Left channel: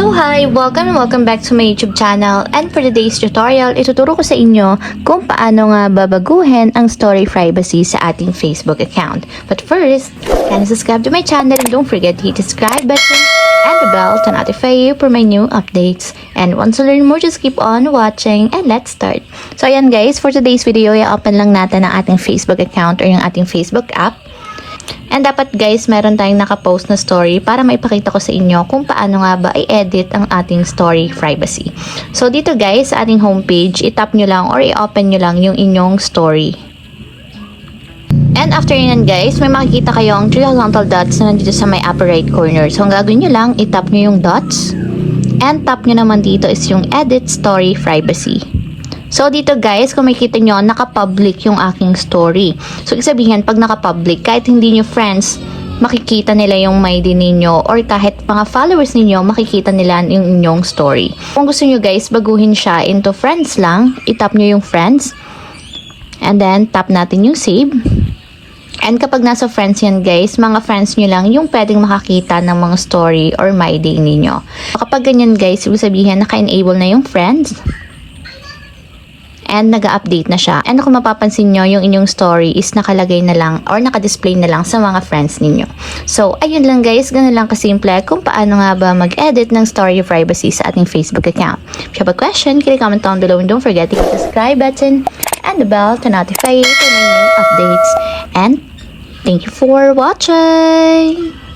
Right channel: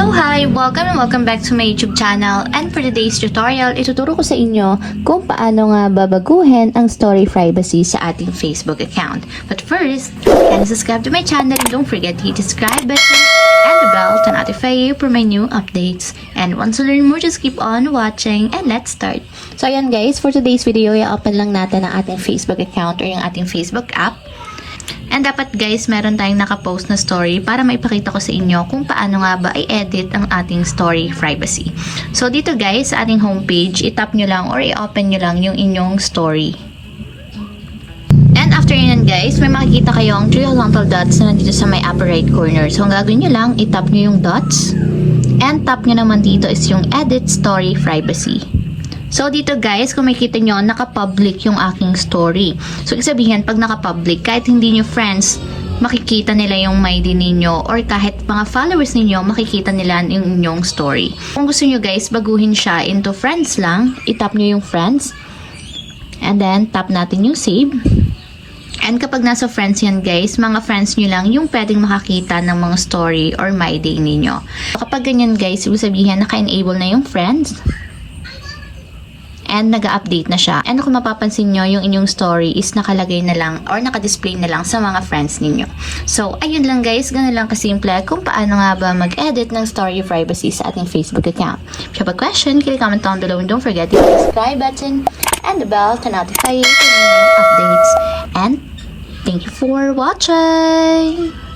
So hi! Welcome back to my YouTube channel, and for today's tutorial, ituturo ko sa inyo kung paano nga babaguhin ang story privacy sa ating Facebook account. But first, can you subscribe to my channel and don't forget to hit the subscribe button and the bell to notify you for my new updates. And once you learn more, just keep on watching and let's start. So ayan guys, for today's video, i-open lang natin ang ating Facebook account or yung ating Facebook app. And dapat guys, meron tayong nakapost na story para maipakita ko sa inyo kung paano nga ba i-edit ang ating story privacy. So dito guys, sa ating homepage, i-tap nyo lang or i-open nyo lang yung inyong story. And after yun guys, may makikita kayong 3 horizontal dots na nandito sa may upper right corner. So ang gagawin nyo lang, i-tap nyo yung dots. And tap nyo naman dito is yung edit story privacy. So, dito guys, kung makikita nyo, naka-public yung aking story. So, ibig sabihin, pag naka-public, kahit hindi nyo friends, makikita nila yung ID ninyo or kahit mga followers ninyo, makikita nila yung inyong story. Kung gusto nyo guys, baguhin siya into friends lang, itap nyo yung friends. And then, tap natin yung save. And kapag nasa friends yan guys, mga friends nyo lang yung pwedeng makakita ng mga story or my day ninyo. So, kapag ganyan guys, ibig sabihin, naka-enable na yung friends. And nag-update na siya. And kung mapapansin nyo, yung inyong story is nakalagay na lang or nakadisplay na lang sa mga friends ninyo. So, ayun lang guys. Ganun lang kasimple kung paano nga ba mag-edit ng story privacy sa ating Facebook account. If you have a question, comment down below and don't forget to hit the subscribe button and the bell to notify you for my new updates. And thank you for watching!